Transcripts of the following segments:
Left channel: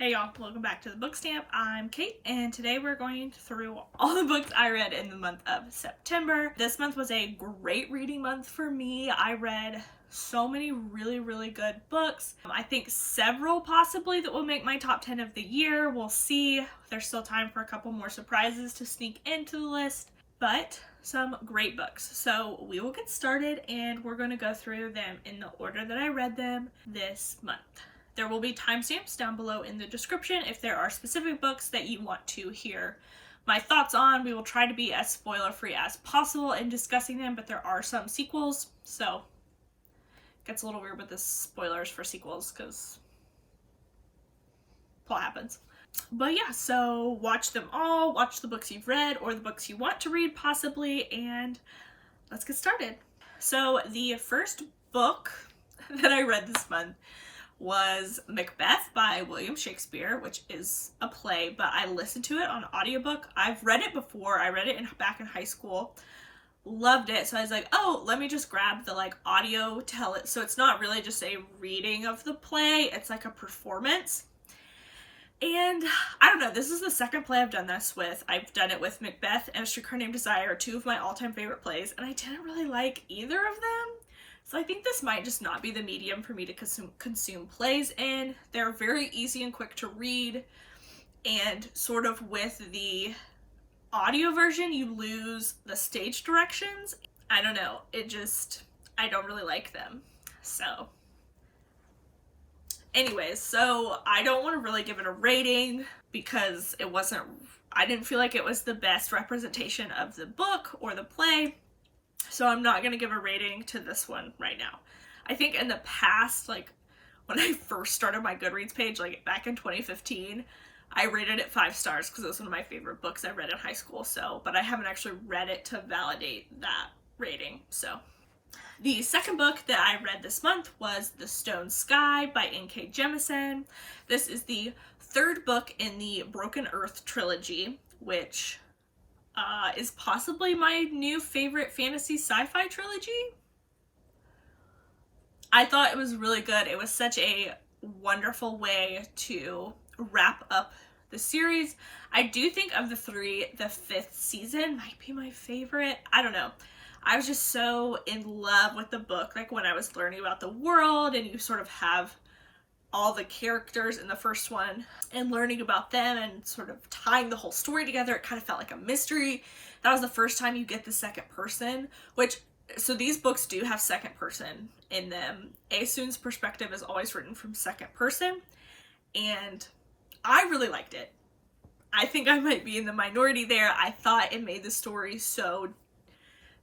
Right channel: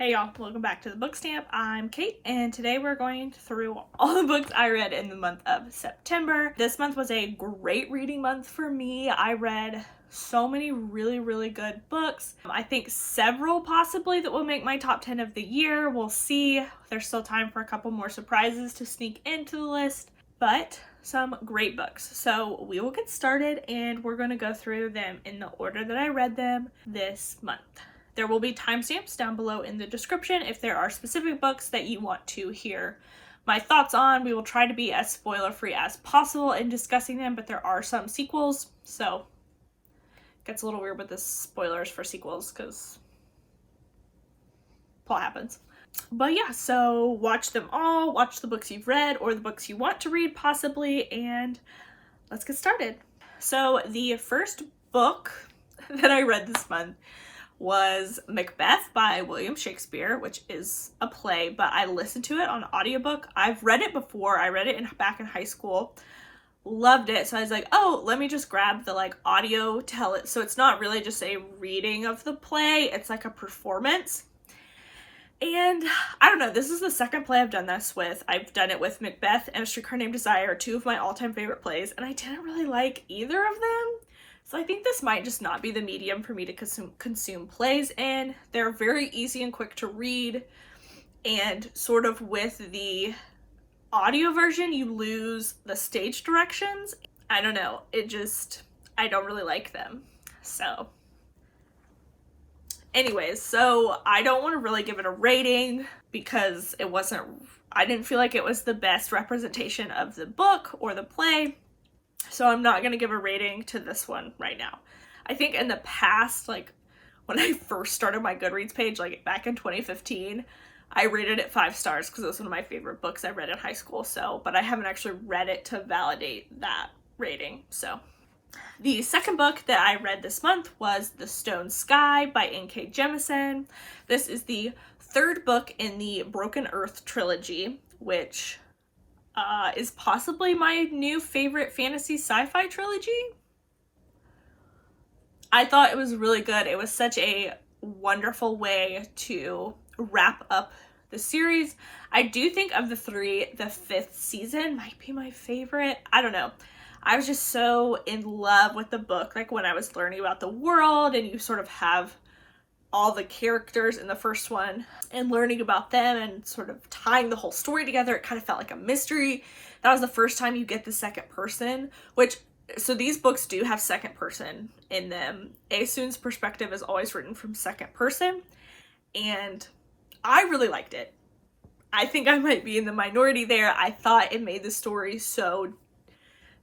Hey y'all, welcome back to the Book Stamp. I'm Kate, and today we're going through all the books I read in the month of September. This month was a great reading month for me. I read so many really good books. I think several possibly that will make my top 10 of the year. We'll see. There's still time for a couple more surprises to sneak into the list, but some great books. So we will get started, and we're going to go through them in the order that I read them this month. There will be timestamps down below in the description if there are specific books that you want to hear my thoughts on. We will try to be as spoiler-free as possible in discussing them, but there are some sequels, so it gets a little weird with the spoilers for sequels because plot happens. But yeah, so watch them all, watch the books you've read or the books you want to read possibly, and let's get started. So the first book that I read this month was Macbeth by William Shakespeare, which is a play, but I listened to it on audiobook. I've read it before. I read it back in high school. Loved it. So I was like, oh, let me just grab the audio tell it. So it's not really just a reading of the play. It's like a performance. And I don't know, this is the second play I've done this with. I've done it with Macbeth and A Streetcar Named Desire, two of my all-time favorite plays, and I didn't really like either of them. So I think this might just not be the medium for me to consume plays in. They're very easy and quick to read, and sort of with the audio version, you lose the stage directions. I don't know, I don't really like them. So anyways, so I don't want to really give it a rating because I didn't feel like it was the best representation of the book or the play. So I'm not going to give a rating to this one right now. I think in the past, when I first started my Goodreads page, back in 2015, I rated it 5 stars because it was one of my favorite books I read in high school. But I haven't actually read it to validate that rating. So the second book that I read this month was The Stone Sky by N.K. Jemisin. This is the third book in the Broken Earth trilogy, which is possibly my new favorite fantasy sci-fi trilogy. I thought it was really good. It was such a wonderful way to wrap up the series. I do think of the three, the 5th season might be my favorite. I don't know. I was just so in love with the book, when I was learning about the world and you sort of have all the characters in the first one and learning about them and sort of tying the whole story together. It kind of felt like a mystery. That was the first time you get the second person, so these books do have second person in them. Aesun's perspective is always written from second person, and I really liked it. I think I might be in the minority there. I thought it made the story so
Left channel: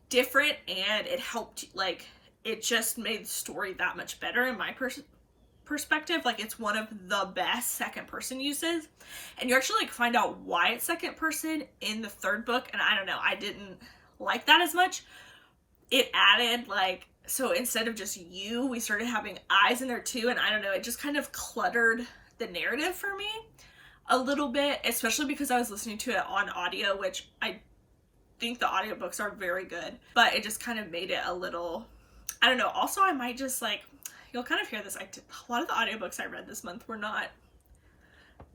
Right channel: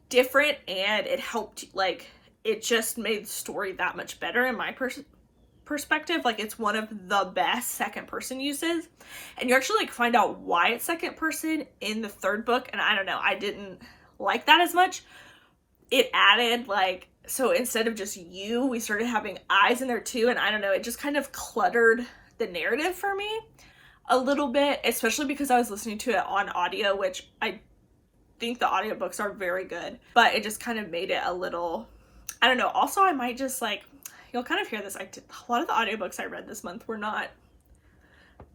different, and it helped, it just made the story that much better in my perspective. It's one of the best second person uses, and you actually find out why it's second person in the third book, and I don't know, I didn't like that as much. It added so instead of just you, we started having eyes in there too, and I don't know, it just kind of cluttered the narrative for me a little bit, especially because I was listening to it on audio, which I think the audiobooks are very good, but it just kind of made it a little, I don't know. Also, I might just you'll kind of hear this. A lot of the audiobooks I read this month were not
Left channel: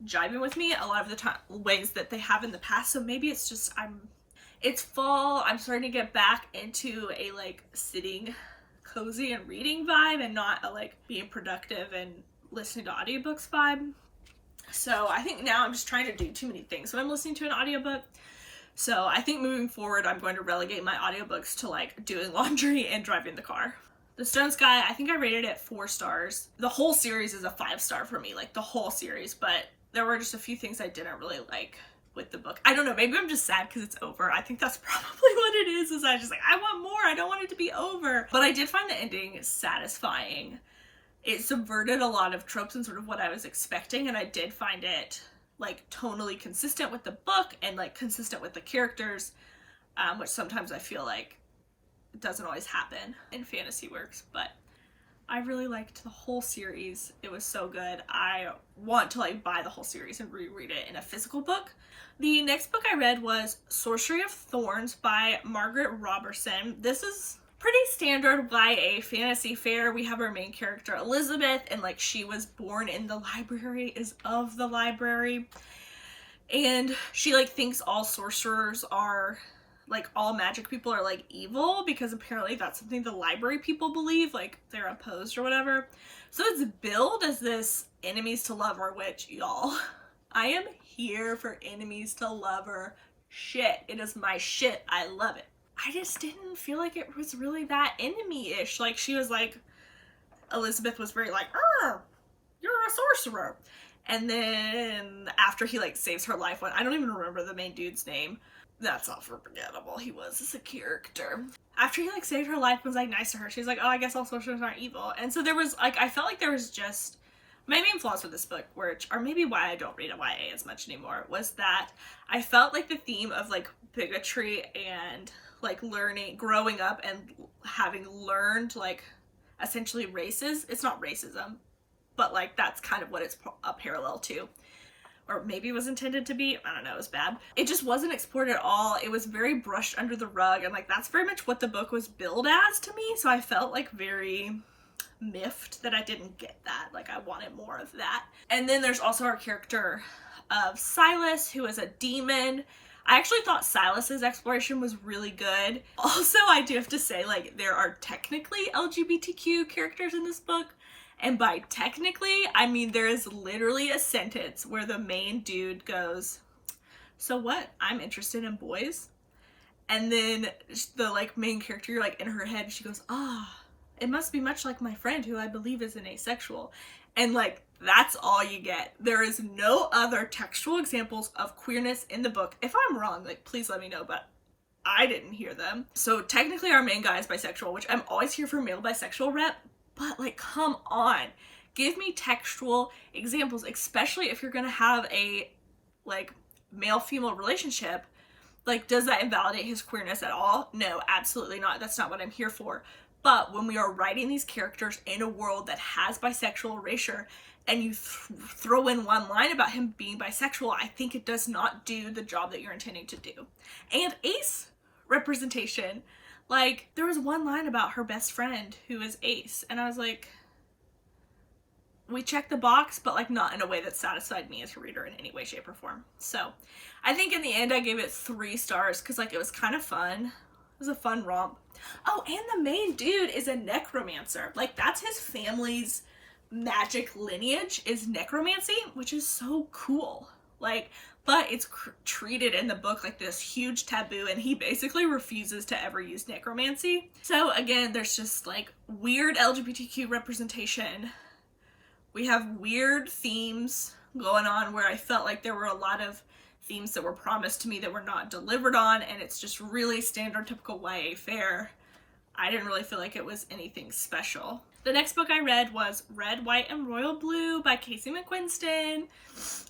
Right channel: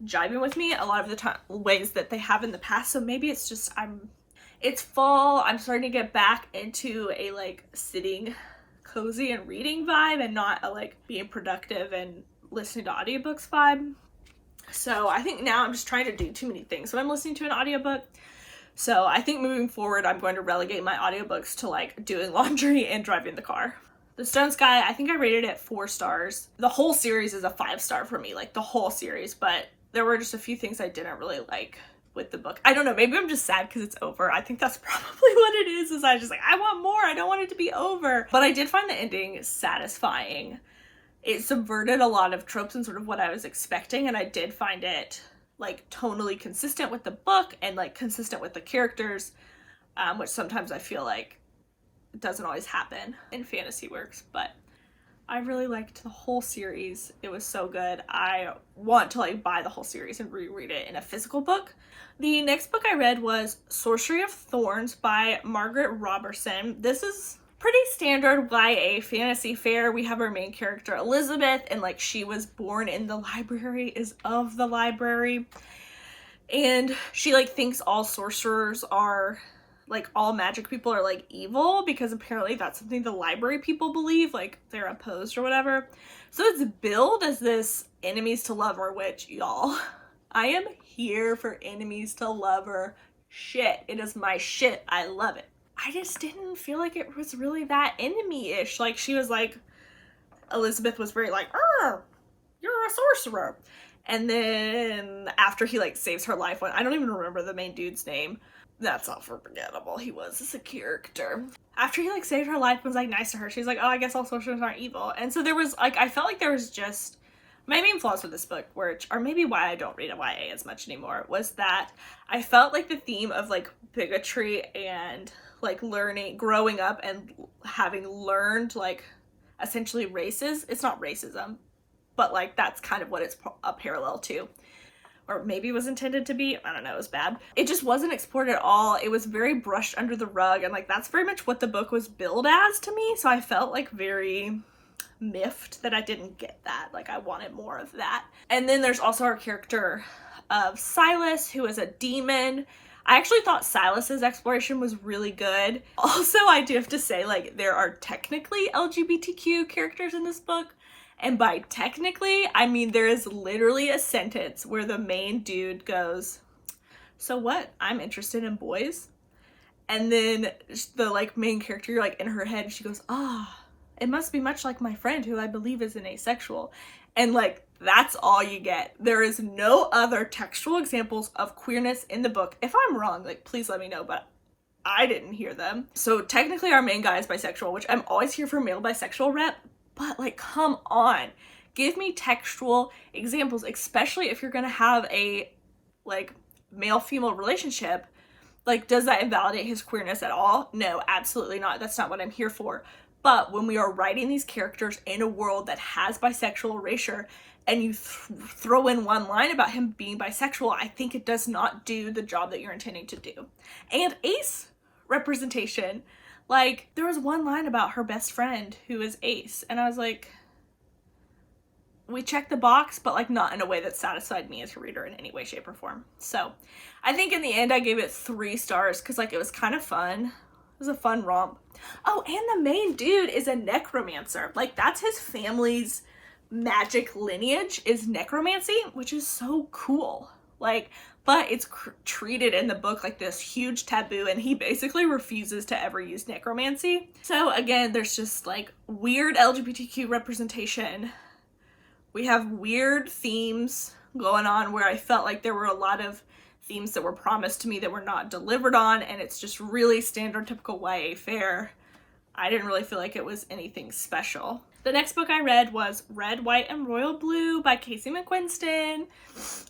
jiving with me a lot of the ways that they have in the past. So maybe it's just it's fall. I'm starting to get back into a sitting cozy and reading vibe and not a being productive and listening to audiobooks vibe. So I think now I'm just trying to do too many things when I'm listening to an audiobook. So I think moving forward, I'm going to relegate my audiobooks to doing laundry and driving the car. The Stone Sky, I think I rated it 4 stars. The whole series is a 5-star for me, the whole series, but there were just a few things I didn't really like with the book. I don't know, maybe I'm just sad because it's over. I think that's probably what it is I just I want more. I don't want it to be over. But I did find the ending satisfying. It subverted a lot of tropes and sort of what I was expecting, and I did find it tonally consistent with the book and consistent with the characters, which sometimes I feel it doesn't always happen in fantasy works, but I really liked the whole series. It was so good. I want to buy the whole series and reread it in a physical book. The next book I read was Sorcery of Thorns by Margaret Robertson. This is pretty standard YA fantasy fare. We have our main character Elizabeth, and like she was born in the library, is of the library, and she like thinks all sorcerers are like, all magic people are like evil, because apparently that's something the library people believe, like they're opposed or whatever. So it's billed as this enemies to lover, which, y'all, I am here for enemies to lover shit. It is my shit. I love it. I just didn't feel like it was really that enemy-ish. Like, she was like, Elizabeth was very like, you're a sorcerer. And then after he like saves her life, I don't even remember the main dude's name. That's not forgettable. He was as a character. After he like saved her life and was like nice to her, she's like, oh, I guess all sorcerers aren't evil. And so there was like, I felt like there was just, my main flaws with this book, which are maybe why I don't read a YA as much anymore, was that I felt like the theme of like bigotry and like growing up and having learned like essentially races. It's not racism, but like that's kind of what it's a parallel to. Or maybe it was intended to be. I don't know, it was bad. It just wasn't explored at all. It was very brushed under the rug, and like that's very much what the book was billed as to me. So I felt like very miffed that I didn't get that. Like I wanted more of that. And then there's also our character of Silas, who is a demon. I actually thought Silas's exploration was really good. Also, I do have to say, like, there are technically LGBTQ characters in this book. And by technically, I mean there is literally a sentence where the main dude goes, so what? I'm interested in boys. And then the like main character, you're like in her head, she goes, it must be much like my friend who I believe is an asexual. And like, that's all you get. There is no other textual examples of queerness in the book. If I'm wrong, like, please let me know, but I didn't hear them. So technically our main guy is bisexual, which I'm always here for male bisexual rep, but like, come on. Give me textual examples, especially if you're gonna have a like male-female relationship. Like, does that invalidate his queerness at all? No, absolutely not. That's not what I'm here for. But when we are writing these characters in a world that has bisexual erasure, and you throw in one line about him being bisexual, I think it does not do the job that you're intending to do. And ace representation. Like, there was one line about her best friend who is ace, and I was like, we checked the box, but like not in a way that satisfied me as a reader in any way, shape, or form. So I think in the end I gave it 3 stars because like it was kind of fun. It was a fun romp. Oh, and the main dude is a necromancer. Like, that's his family's magic lineage, is necromancy, which is so cool. Like, but it's treated in the book like this huge taboo, and he basically refuses to ever use necromancy. So again, there's just like weird LGBTQ representation. We have weird themes going on where I felt like there were a lot of themes that were promised to me that were not delivered on, and it's just really standard typical YA fare. I didn't really feel like it was anything special. The next book I read was Red, White, and Royal Blue by Casey McQuiston,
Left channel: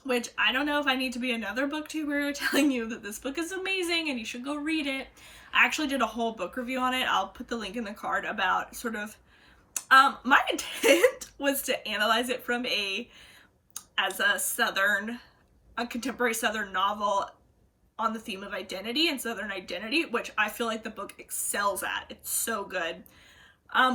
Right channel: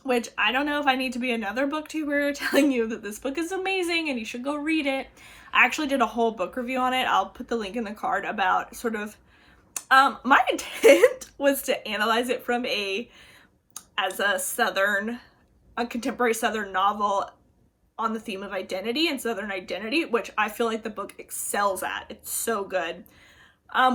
which I don't know if I need to be another booktuber telling you that this book is amazing and you should go read it. I actually did a whole book review on it. I'll put the link in the card about sort of, my intent was to analyze it from as a contemporary Southern novel on the theme of identity and Southern identity, which I feel like the book excels at. It's so good.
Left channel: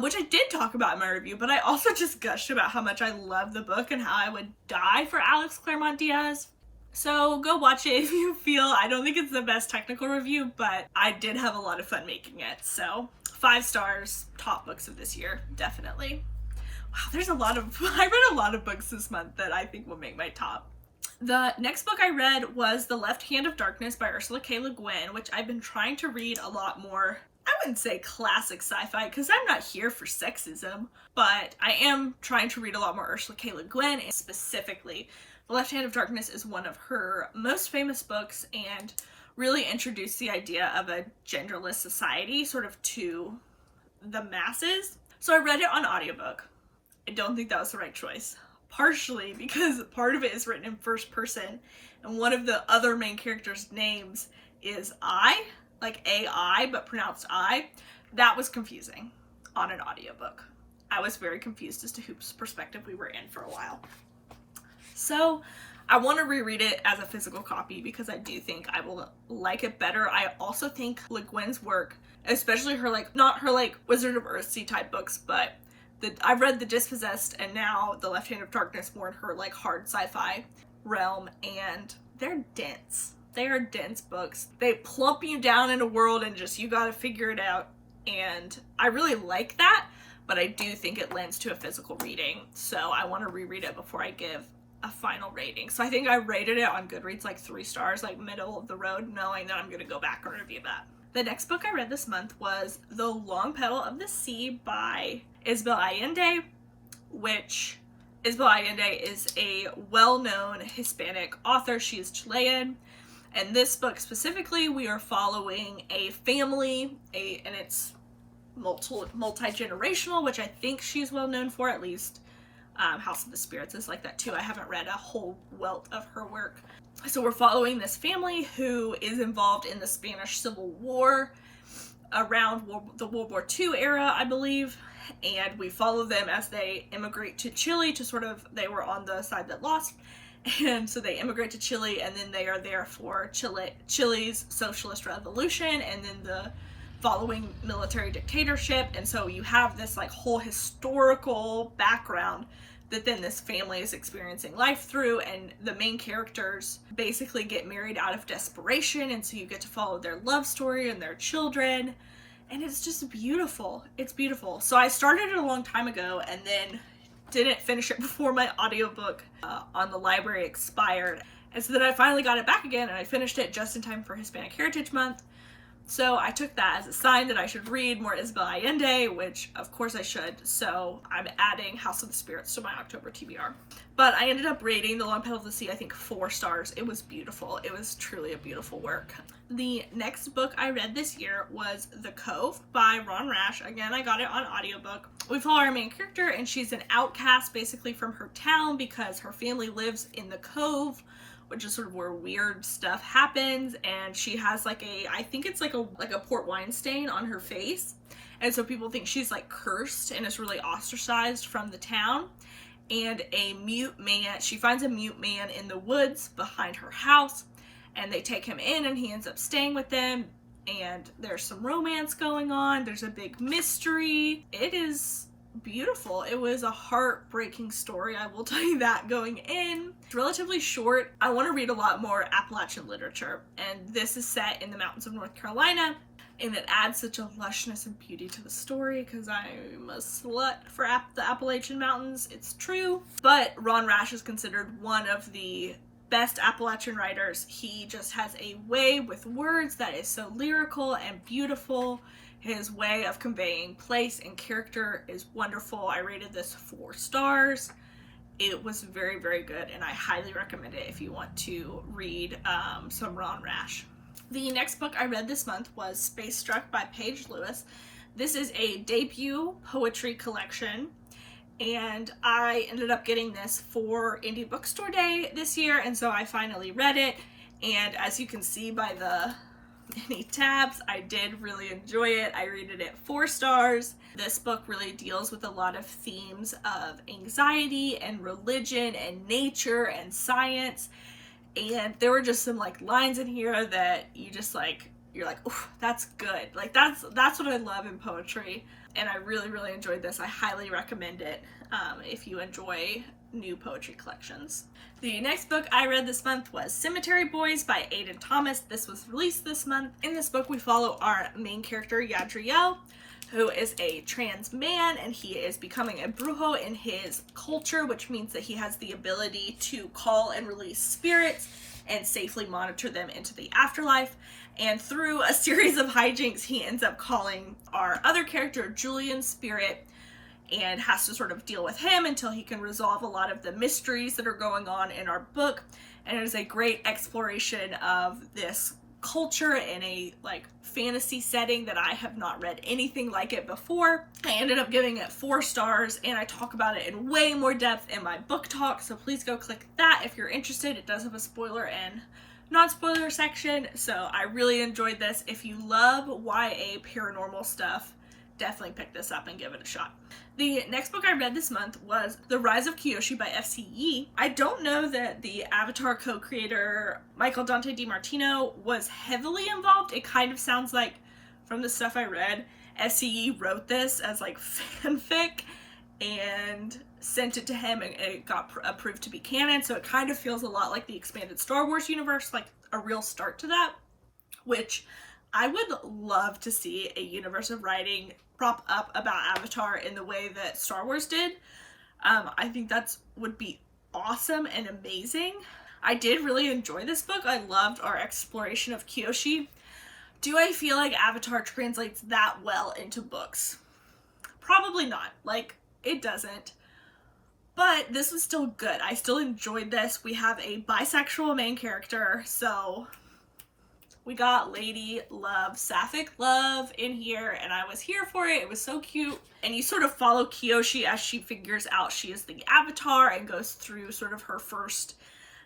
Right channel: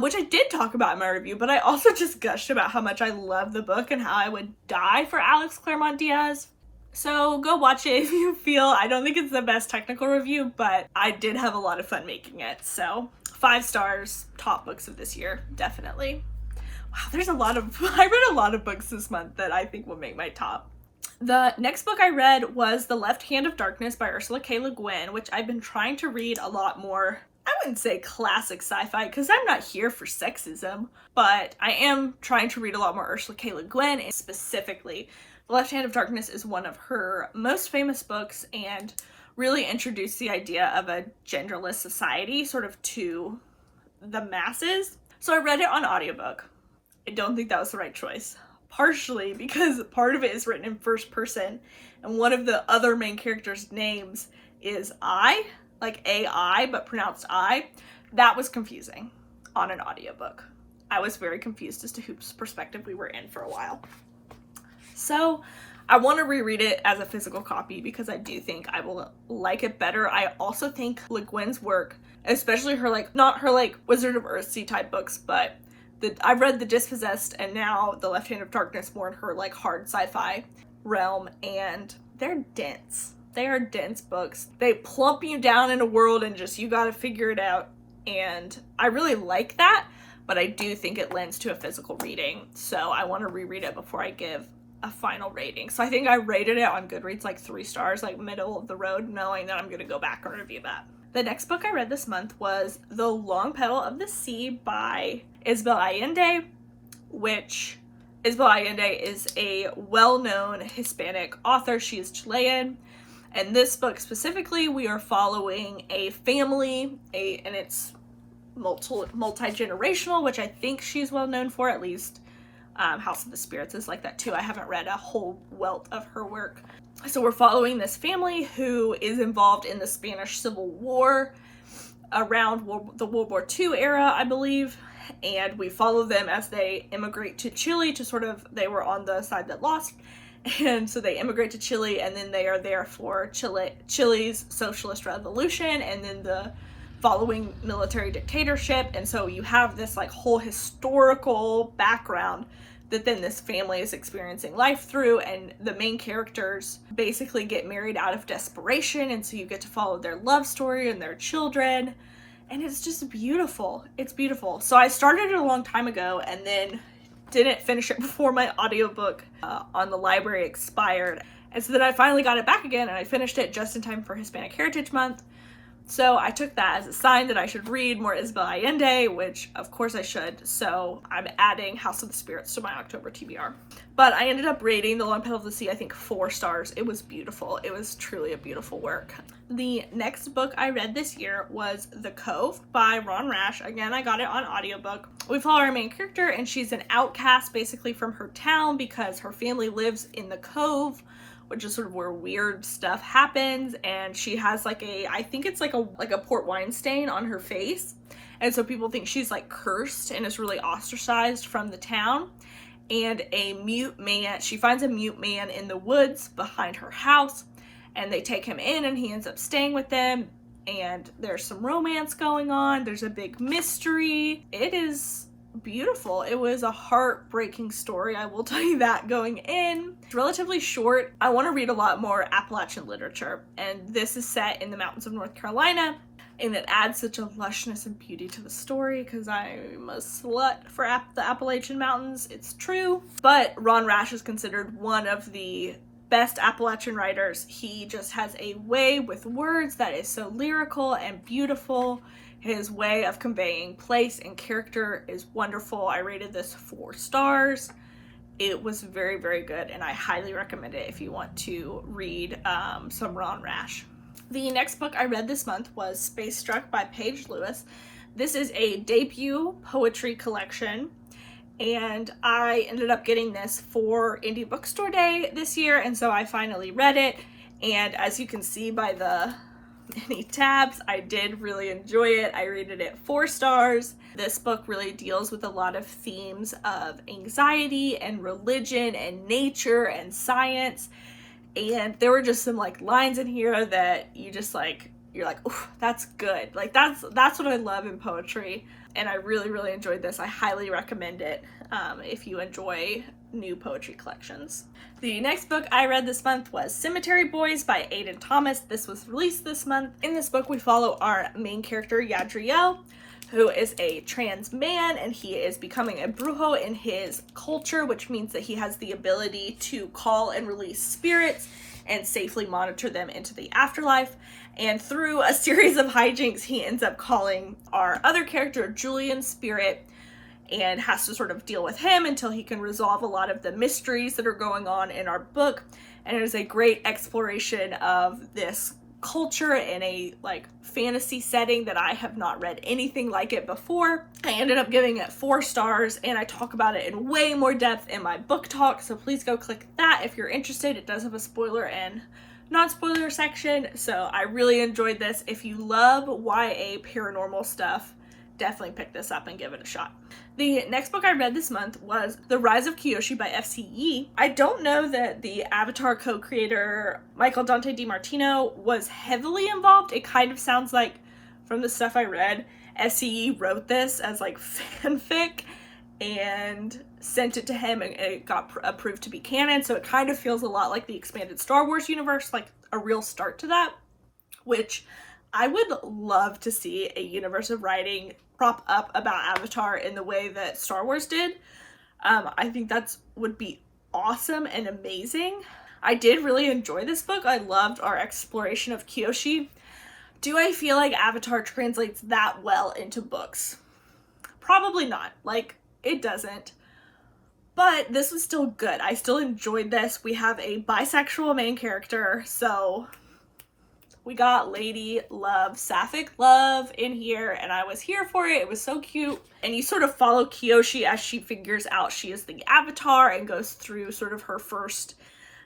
Which I did talk about in my review, but I also just gushed about how much I love the book and how I would die for Alex Claremont Diaz. So go watch it if you feel. I don't think it's the best technical review, but I did have a lot of fun making it. So 5 stars, top books of this year, definitely. Wow, I read a lot of books this month that I think will make my top. The next book I read was The Left Hand of Darkness by Ursula K. Le Guin, which I've been trying to read a lot more. I wouldn't say classic sci-fi because I'm not here for sexism, but I am trying to read a lot more Ursula K. Le Guin, and specifically The Left Hand of Darkness is one of her most famous books and really introduced the idea of a genderless society sort of to the masses. So I read it on audiobook. I don't think that was the right choice. Partially because part of it is written in first person, and one of the other main characters' names is I, like AI, but pronounced I. That was confusing on an audiobook. I was very confused as to whose perspective we were in for a while. So I want to reread it as a physical copy because I do think I will like it better. I also think Le Guin's work, especially her like, not her like Wizard of Earthsea type books, but I've read The Dispossessed and now The Left Hand of Darkness, more in her like hard sci-fi realm, and they're dense. They are dense books. They plump you down in a world and just, you gotta figure it out. And I really like that, but I do think it lends to a physical reading. So I want to reread it before I give a final rating. So I think I rated it on Goodreads like 3 stars, like middle of the road, knowing that I'm going to go back and review that. The next book I read this month was The Long Petal of the Sea by Isabel Allende, which Isabel Allende is a well-known Hispanic author. She is Chilean. And this book specifically, we are following a family, and it's multi-generational, which I think she's well known for, at least. House of the Spirits is like that too. I haven't read a whole wealth of her work. So we're following this family who is involved in the Spanish Civil War around the World War II era, I believe. And we follow them as they immigrate to Chile to sort of, they were on the side that lost. And so they immigrate to Chile, and then they are there for Chile's socialist revolution and then the following military dictatorship. And so you have this like whole historical background that then this family is experiencing life through, and the main characters basically get married out of desperation, and so you get to follow their love story and their children, and it's just beautiful. It's beautiful. So I started it a long time ago and then didn't finish it before my audiobook on the library expired, and so then I finally got it back again and I finished it just in time for Hispanic Heritage Month. So I took that as a sign that I should read more Isabel Allende, which of course I should. So I'm adding House of the Spirits to my October TBR. But I ended up rating The Long Petal of the Sea, I think 4 stars. It was beautiful. It was truly a beautiful work. The next book I read this year was The Cove by Ron Rash. Again, I got it on audiobook. We follow our main character, and she's an outcast basically from her town because her family lives in the Cove, which is sort of where weird stuff happens, and she has like I think it's like a port wine stain on her face, and so people think she's like cursed and is really ostracized from the town. And she finds a mute man in the woods behind her house, and they take him in, and he ends up staying with them, and there's some romance going on. There's a big mystery. It is beautiful. It was a heartbreaking story, I will tell you that going in. It's relatively short. I want to read a lot more Appalachian literature, and this is set in the mountains of North Carolina, and it adds such a lushness and beauty to the story because I'm a slut for the Appalachian Mountains. It's true. But Ron Rash is considered one of the best Appalachian writers. He just has a way with words that is so lyrical and beautiful. His way of conveying place and character is wonderful. I rated this 4 stars. It was very, very good, and I highly recommend it if you want to read some Ron Rash. The next book I read this month was Space Struck by Paige Lewis. This is a debut poetry collection, and I ended up getting this for Indie Bookstore Day this year, and so I finally read it, and as you can see by the many tabs, I did really enjoy it. I rated it 4 stars. This book really deals with a lot of themes of anxiety and religion and nature and science, and there were just some like lines in here that you just like, you're like, oh, that's good. Like that's what I love in poetry, and I really, really enjoyed this. I highly recommend it if you enjoy new poetry collections. The next book I read this month was Cemetery Boys by Aidan Thomas. This was released this month. In this book, we follow our main character, Yadriel, who is a trans man, and he is becoming a brujo in his culture, which means that he has the ability to call and release spirits and safely monitor them into the afterlife. And through a series of hijinks, he ends up calling our other character, Julian's spirit, and has to sort of deal with him until he can resolve a lot of the mysteries that are going on in our book. And it is a great exploration of this culture in a like fantasy setting that I have not read anything like it before. I ended up giving it 4 stars, and I talk about it in way more depth in my book talk, so please go click that if you're interested. It does have a spoiler and non-spoiler section, so I really enjoyed this. If you love YA paranormal stuff, definitely pick this up and give it a shot. The next book I read this month was The Rise of Kyoshi by FCE. I don't know that the Avatar co-creator Michael Dante DiMartino was heavily involved. It kind of sounds like, from the stuff I read, FCE wrote this as like fanfic and sent it to him, and it got approved to be canon, so it kind of feels a lot like the expanded Star Wars universe, like a real start to that, which I would love to see a universe of writing prop up about Avatar in the way that Star Wars did. I think that's would be awesome and amazing. I did really enjoy this book. I loved our exploration of Kyoshi. Do I feel like Avatar translates that well into books? Probably not. Like, it doesn't. But this was still good. I still enjoyed this. We have a bisexual main character, so we got lady love, sapphic love in here, and I was here for it. It was so cute. And you sort of follow Kyoshi as she figures out she is the Avatar and goes through sort of her first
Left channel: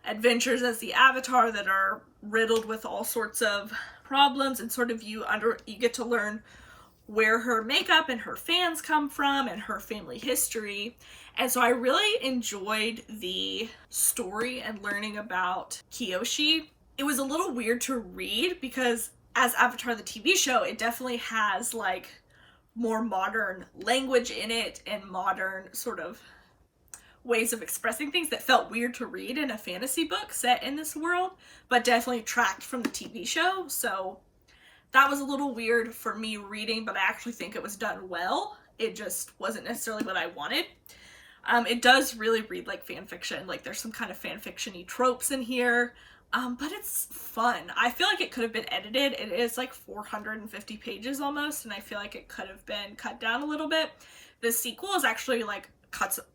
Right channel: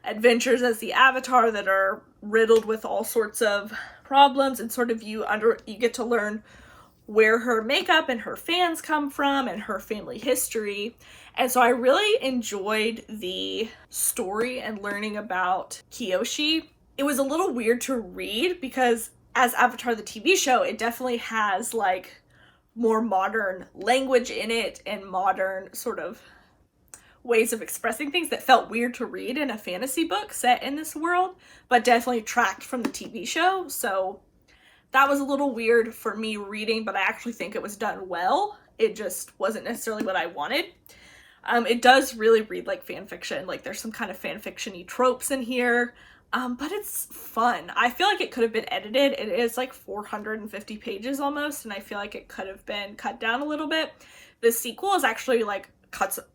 adventures as the Avatar that are riddled with all sorts of problems, and sort of you get to learn where her makeup and her fans come from and her family history. And so I really enjoyed the story and learning about Kyoshi. It was a little weird to read because as Avatar the TV show, it definitely has like more modern language in it and modern sort of ways of expressing things that felt weird to read in a fantasy book set in this world, but definitely tracked from the TV show. So that was a little weird for me reading, but I actually think it was done well. It just wasn't necessarily what I wanted. It does really read like fan fiction. Like there's some kind of fan fiction-y tropes in here. But it's fun. I feel like it could have been edited. It is like 450 pages almost, and I feel like it could have been cut down a little bit. The sequel is actually like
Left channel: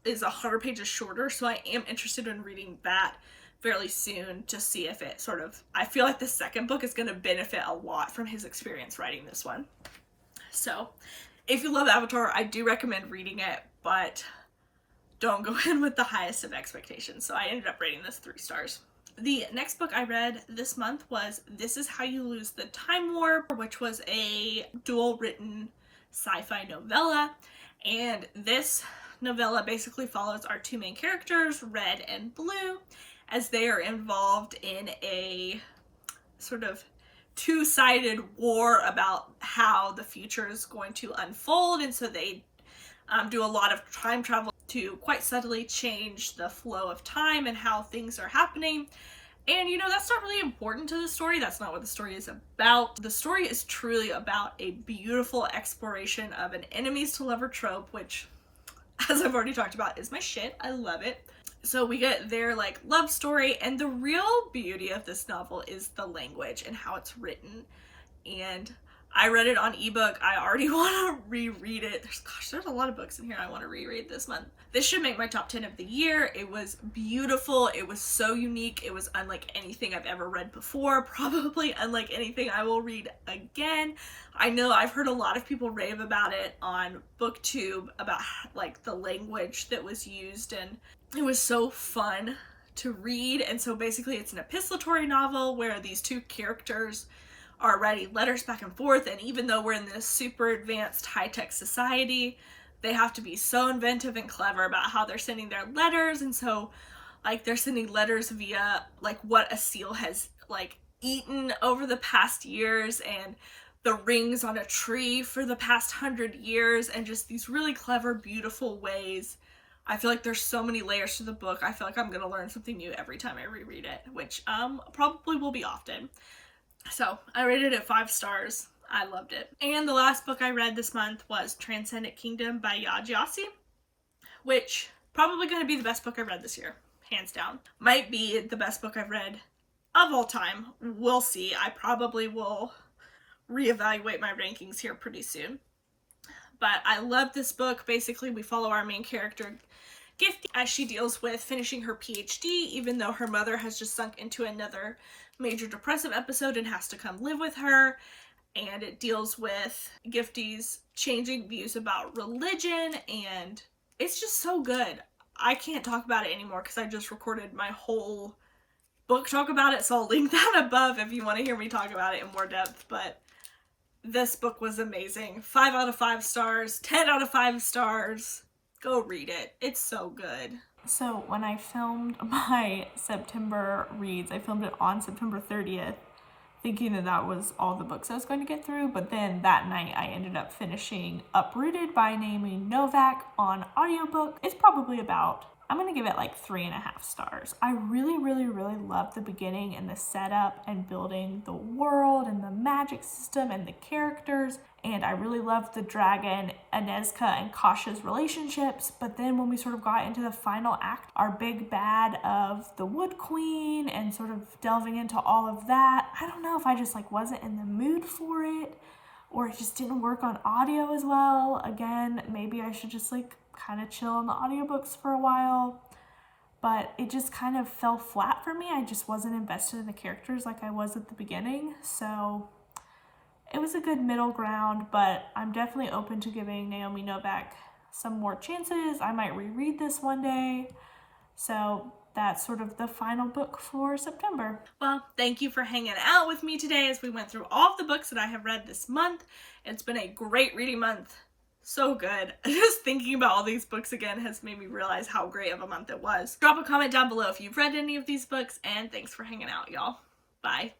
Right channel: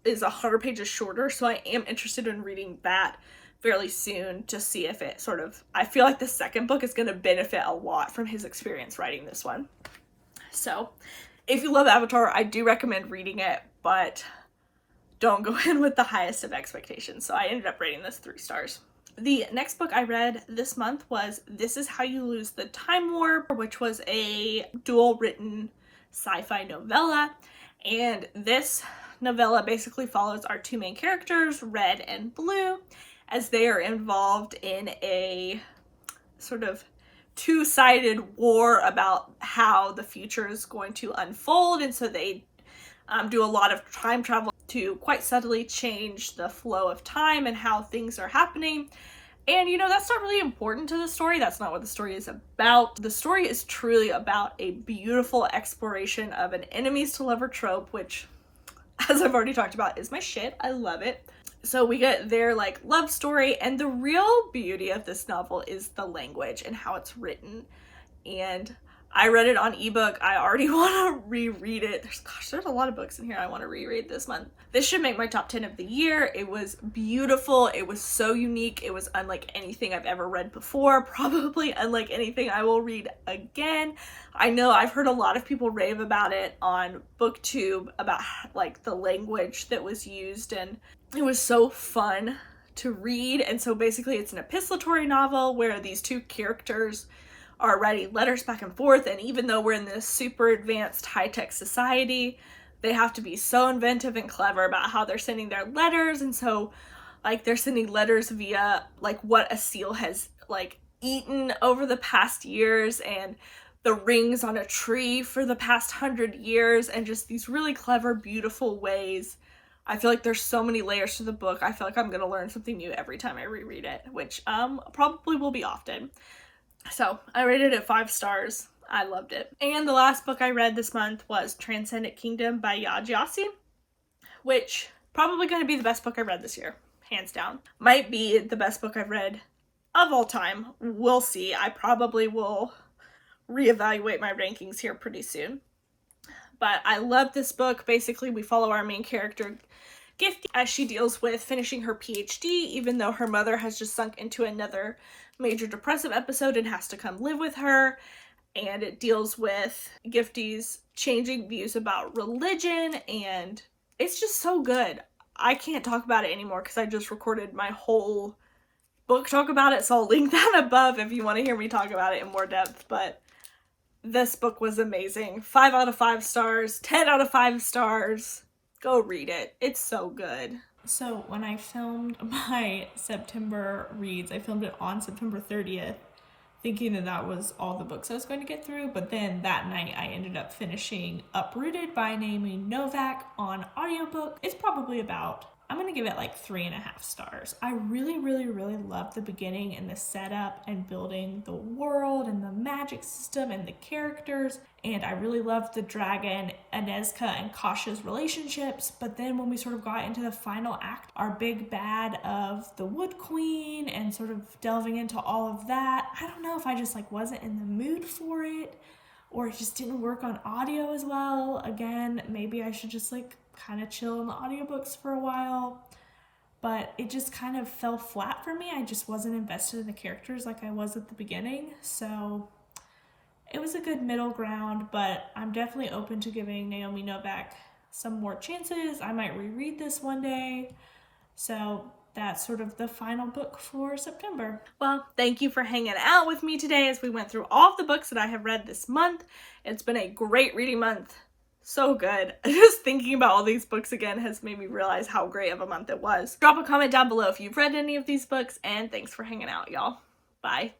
is 100 pages shorter, so I am interested in reading that fairly soon to see if it sort of, I feel like the second book is going to benefit a lot from his experience writing this one. So if you love Avatar, I do recommend reading it, but don't go in with the highest of expectations. So I ended up rating this 3 stars. The next book I read this month was This Is How You Lose the Time Warp, which was a dual written sci-fi novella. And this novella basically follows our 2 main characters, Red and Blue, as they are involved in a sort of 2-sided war about how the future is going to unfold. And so they do a lot of time travel to quite subtly change the flow of time and how things are happening. And you know, that's not really important to the story. That's not what the story is about. The story is truly about a beautiful exploration of an enemies to lover trope, which, as I've already talked about, is my shit. I love it. So we get their like love story, and the real beauty of this novel is the language and how it's written. And I read it on ebook. I already want to reread it. There's a lot of books in here I want to reread this month. This should make my top 10 of the year. It was beautiful. It was so unique. It was unlike anything I've ever read before. Probably unlike anything I will read again. I know I've heard a lot of people rave about it on BookTube about like the language that was used, and it was so fun to read. And so basically it's an epistolary novel where these 2 characters are writing letters back and forth, and even though we're in this super advanced high-tech society, they have to be so inventive and clever about how they're sending their letters. And so like they're sending letters via like what a seal has like eaten over the past years, and the rings on a tree for the past 100 years, and just these really clever, beautiful ways. I feel like there's so many layers to the book. I feel like I'm gonna learn something new every time I reread it, which probably will be often. So I rated it 5 stars. I loved it. And the last book I read this month was Transcendent Kingdom by Ya Gyasi, which probably going to be the best book I read this year, hands down. Might be the best book I've read of all time. We'll see. I probably will reevaluate my rankings here pretty soon. But I love this book. Basically, we follow our main character, Gifty, as she deals with finishing her PhD, even though her mother has just sunk into another major depressive episode and has to come live with her. And it deals with Gifty's changing views about religion, and it's just so good. I can't talk about it anymore because I just recorded my whole book talk about it, so I'll link that above if you want to hear me talk about it in more depth. But this book was amazing. 5 out of 5 stars, 10 out of 5 stars. Go read it. It's so good. So when I filmed my September reads, I filmed it on September 30th, thinking that that was all the books I was going to get through, but then that night I ended up finishing Uprooted by Naomi Novak on audiobook. It's probably about, I'm gonna give it like 3.5 stars. I really, really, really loved the beginning and the setup and building the world and the magic system and the characters. And I really loved the dragon, Anezka and Kasha's relationships. But then when we sort of got into the final act, our big bad of the Wood Queen and sort of delving into all of that, I don't know if I just like wasn't in the mood for it, or it just didn't work on audio as well. Again, maybe I should just like kind of chill on the audiobooks for a while. But it just kind of fell flat for me. I just wasn't invested in the characters like I was at the beginning. So it was a good middle ground, but I'm definitely open to giving Naomi Novak some more chances. I might reread this one day. So that's sort of the final book for September. Well, thank you for hanging out with me today as we went through all of the books that I have read this month. It's been a great reading month. So good. Just thinking about all these books again has made me realize how great of a month it was. Drop a comment down below if you've read any of these books, and thanks for hanging out, y'all. Bye.